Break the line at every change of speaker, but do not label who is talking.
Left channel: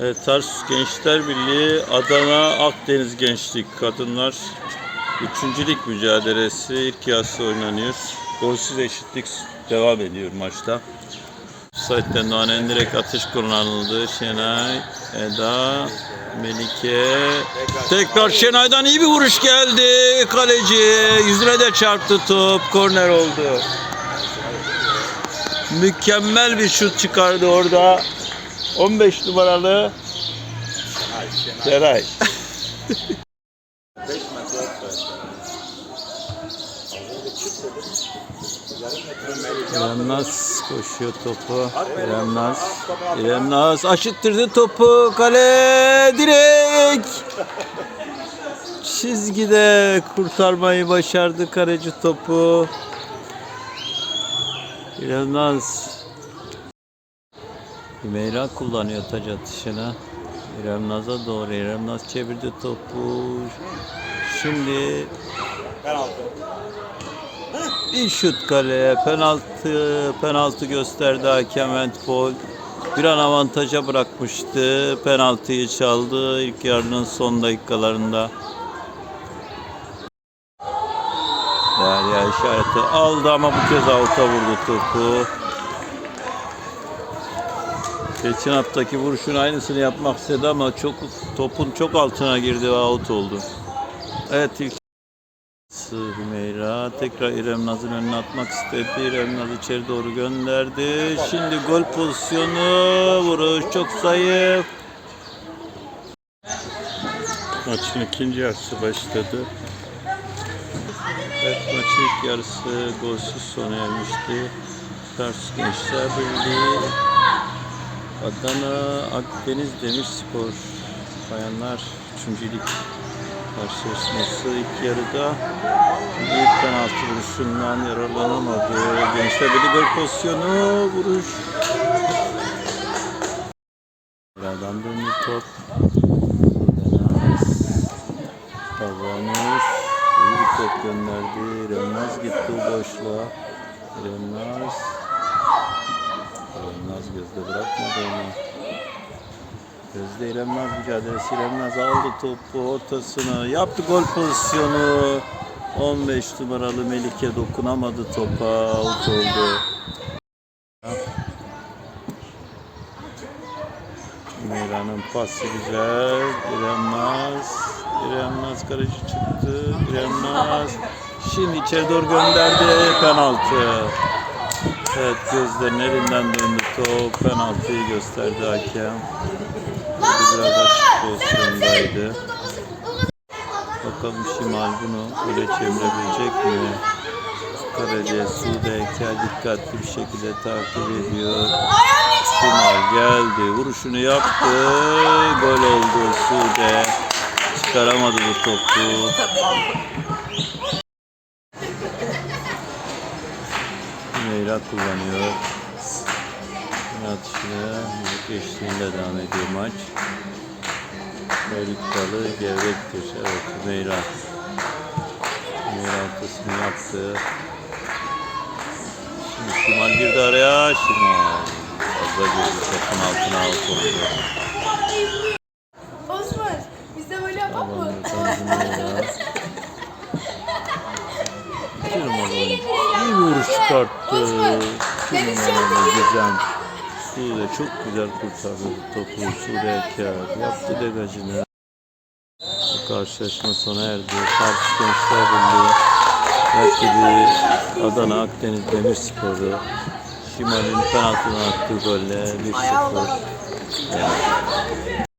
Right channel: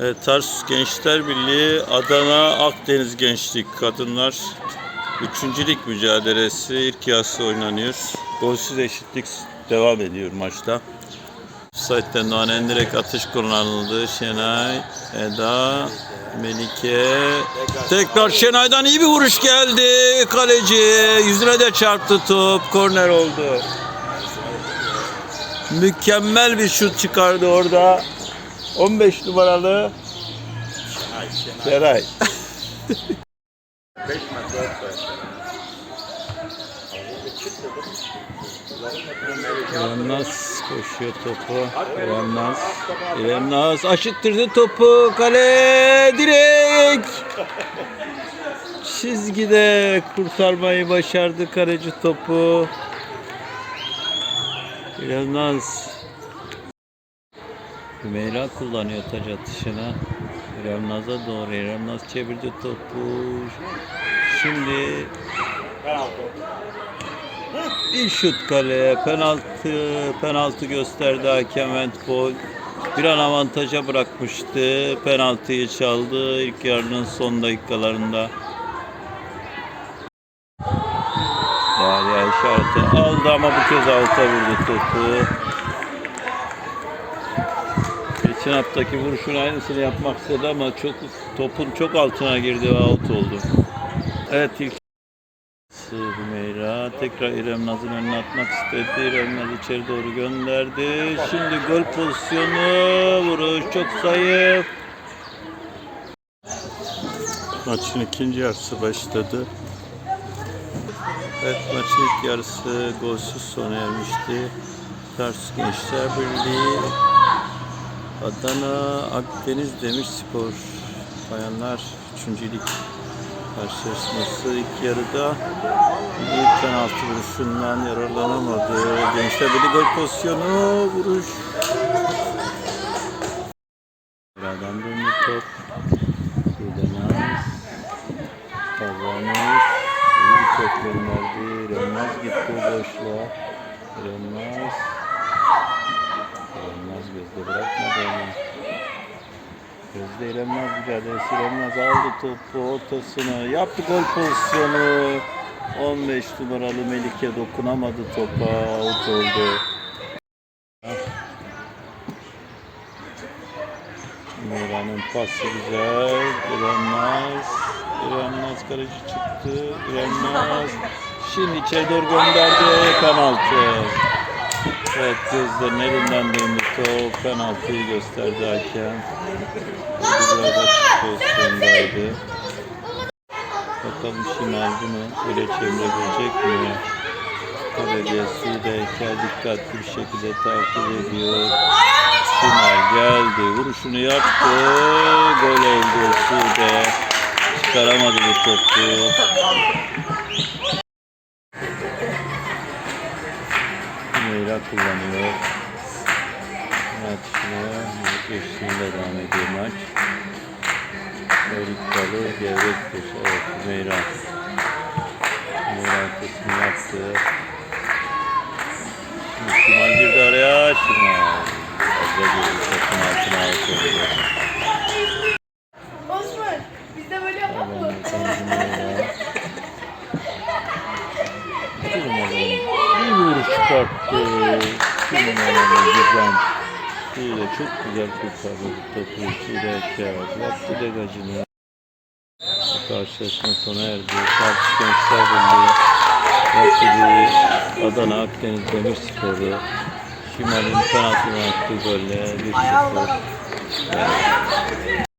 Tarsus Gençler Birliği Adana Akdeniz Gençlik Kadınlar Üçüncülük mücadelesi ilk yarısı oynanıyor. Golsüz eşitlik devam ediyor maçta. Offside'den Doğan Endirek atış kullanıldı. Şenay, Eda, Melike. Tekrar Şenay'dan iyi bir vuruş geldi. Kaleci yüzüne de çarptı top. Korner oldu. Mükemmel bir şut çıkardı orada. 15 numaralı Şeray.
5 metre offside.
İrem Naz koşuyor topu. İrem Naz. İrem Naz aşıttırdı topu. Kale direkt. Çizgide kurtarmayı başardı kaleci topu. İrem Naz. Hümeyra kullanıyor taç atışını. İrem Naz'a doğru. İrem Naz çevirdi topu. Şimdi bir şut kaleye penaltı penaltı gösterdi hakem handball. Bir an avantaja bırakmıştı. Penaltıyı çaldı ilk yarının son dakikalarında. Derya işareti aldı ama bu kez avuta vurdu topu. Geçen haftaki vuruşun aynısını yapmak istedi ama çok topun çok altına girdi ve out oldu. Evet ilk Hümeyra tekrar İrem Naz'ın önüne atmak istedi. İrem Naz içeri doğru gönderdi. Şimdi gol pozisyonu. Vuruş çok zayıf. Maçın ikinci yarısı başladı. Evet maçın ilk yarısı golsüz sona ermişti. Tarsus Gençler Birliği Adana Akdeniz Demirspor Bayanlar 3. Lig karşılaşması ilk yarıda bir penaltı vuruşundan yararlanamadı. Gençler Birliği gol pozisyonu vuruş. Buradan döndü top. Rudenaz. Kazanır. İyi bir top gönderdi. Renmaz gitti boşluğa. Renmaz. Renmaz gözde bırakmadı onu. Gözde İremnaz mücadelesi. İremnaz aldı topu ortasını. Yaptı gol pozisyonu. 15 numaralı Melike dokunamadı topa. Out oldu. Meyra'nın pası güzel. İremnaz. İremnaz kaleci çıktı. İremnaz. Şimdi içeri doğru gönderdi. Penaltı. Evet gözlerin elinden döndü top. Penaltıyı gösterdi hakem. Burada biraz açık pozisyondaydı. Bakalım Şimal bunu öyle çevirebilecek mi? Kaleci Sude Eker dikkatli bir şekilde takip ediyor. Şimal geldi. Vuruşunu yaptı. Gol oldu Sude. Çıkaramadı bu topu. Meyra kullanıyor. Atışına eşliğinde devam ediyor maç. Erik Dalı gevrektir. Evet Meyra. Meyra arkasını yaptı. Şimal girdi araya. Şimal. Fazla girdi topun altına alt oldu.
Osman biz de böyle yapalım mı?
İki numaralı. İyi bir vuruş çıkarttı. Numaralı Gizem. Sude çok güzel kurtardı topu. Sude Eker yaptı degajını. Bu karşılaşma sona erdi. Tarsus Gençler Birliği rakibi Adana Akdeniz Demirspor'u Şimal'in penaltına attığı golle 1-0 yendi.